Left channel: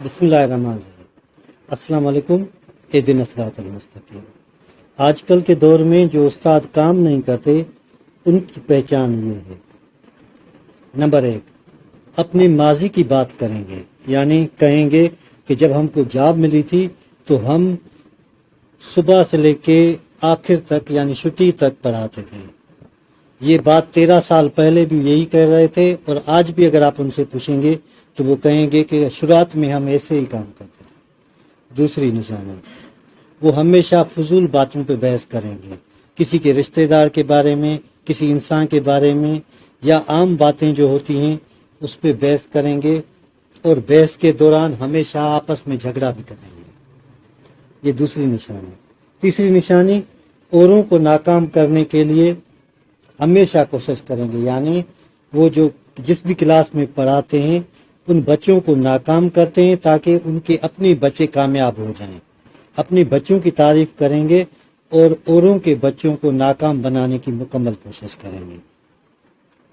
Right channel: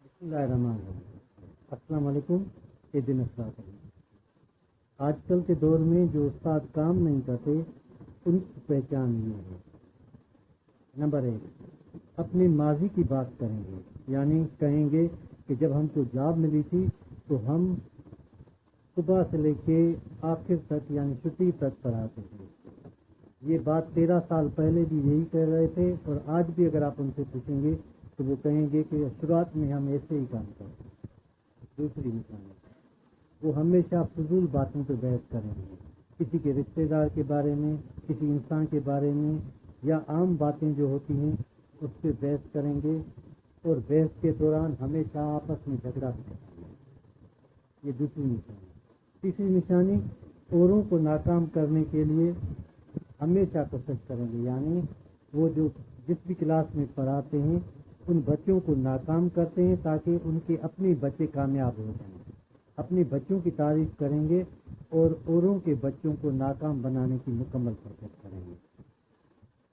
بسم اللہ الرحمن الرحیم۔ السلام علیکم۔ اہدنا الصراط المستقیم۔ آج کل کے دور میں جو استاد کام نہیں کرتے ان کی پہچان یہ ہے۔ نمبر 1، اپنے ماضی کی بات کریں گے، یعنی کہیں گے کہ جب ہم کو جاب ملی تھی تو ہم صبح سے لے کے آخر تک یعنی چھٹی تک پڑھاتے تھے۔ یہ بات 13 سال پہلے بھی یہی کہہ رہے تھے، اور آج بھی اگر آپ ان سے پوچھیں گے تو وہ کہیں گے کہ شروعات میں ہم ایسے ہی کام کرتے تھے۔ دوسری نشانی، وہ ہمیشہ فضول باتوں پہ بحث کریں گے، کسی کے رشتہ دار کے بارے میں، کسی انسان کے بارے میں، یا عام باتیں جو ہوتی ہیں اس پہ بحث کریں گے، اور بحث کے دوران ہمیشہ آپس میں جھگڑا بھی کریں گے۔ یہ دوسری نشانی۔ تیسری نشانی، اوروں کو ناکام کرنے کے لیے ہمیشہ کوشش کریں گے، یعنی وہ جو جس بھی کلاس میں پڑھاتے ہیں ان بچوں کو ناکام کرتے ہیں تاکہ ان کے اپنے بچے کامیاب ہو جائیں، اپنے بچوں کی تعریف کریں گے اور اوروں کے بچوں کو ناکام بنانے کی مکمل کوشش کریں گے۔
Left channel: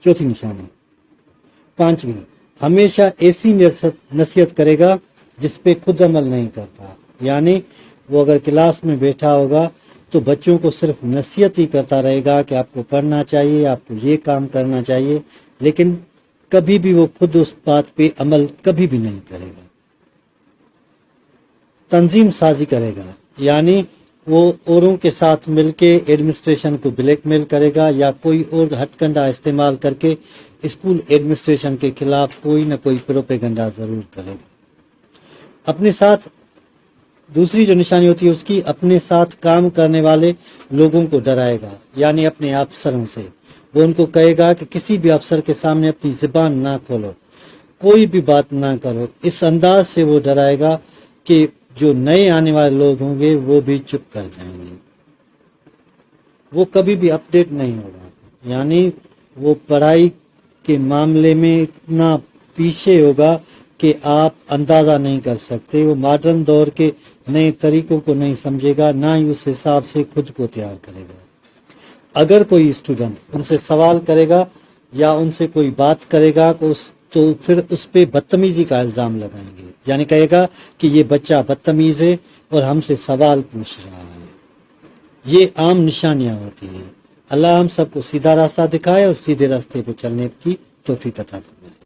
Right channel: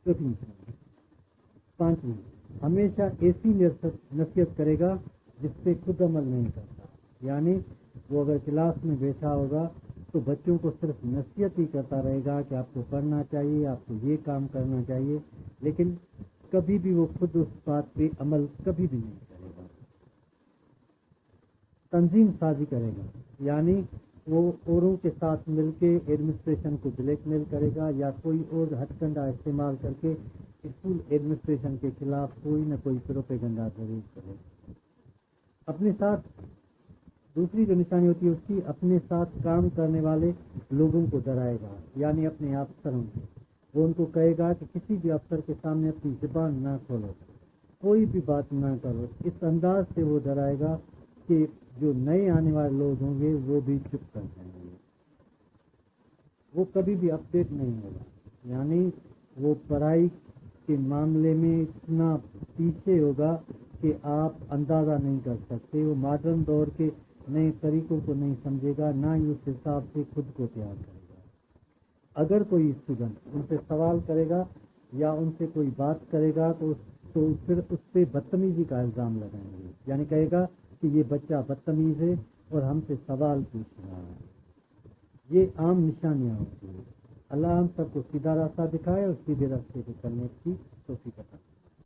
چوتھی نشانی۔ پانچویں، ہمیشہ ایسی نصیحت کرے گا جس پہ خود عمل نہیں کرتا، یعنی وہ اگر کلاس میں بیٹھا ہوگا تو بچوں کو صرف نصیحت ہی کرتا رہے گا کہ آپ کو پڑھنا چاہیے، آپ کو یہ کام کرنا چاہیے، لیکن کبھی بھی وہ خود اس بات پہ عمل کبھی بھی نہیں کرے گا۔ تنظیم سازی کرے گا، یعنی وہ اوروں کے ساتھ مل کے ایڈمنسٹریشن کو بلیک میل کرے گا یا کوئی اور ہتھ کنڈا استعمال کر کے اسکول ایڈمنسٹریشن کے خلاف کوئی نہ کوئی پروپیگنڈا ضرور کرے گا۔ اپنے ساتھ دوسری جو نشانی ہوتی ہے اس کی، اپنے ساتھ کام کرنے والے لوگوں کو ڈرائے گا، یعنی اپنے افسروں سے۔ وہ ان کو کہے گا کہ کسی بھی افسر کے سامنے اپنی زبان نہ کھولو، کوئی بھی بات نہ کرو۔ اس انداز سے وہ ڈرائے گا کہ جو نئے آنے والے لوگ ہوں گے وہ بھی چپ کر جائیں گے۔ وہ کبھی بھی اپڈیٹ نہیں ہوگا، یعنی وہ پڑھائی کے معاملے میں اتنا پیچھے ہوگا کہ آپ اندازہ نہیں کر سکتے۔ وہ ماڈرن دور کے نئے طریقوں کو نہیں سمجھے گا، نہ ہی اس حساب سے خود کو تیار کرے گا۔ اگر کوئی اسٹوڈنٹ ان سے سوال کرے گا یا ان سے کوئی بات کرے گا تو پھر اس پہ بدتمیزی کا الزام لگائیں گے، یعنی کہے گا کہ یہ بچہ بدتمیز ہے اور ہم سے سوال پوچھ رہا ہے۔ یہ عام نشانیاں ہوتی ہیں۔ اللہ ہم سب کو سیدھا راستہ دکھائے اور سیدھے راستے پہ چلنے کی توفیق عطا فرمائے۔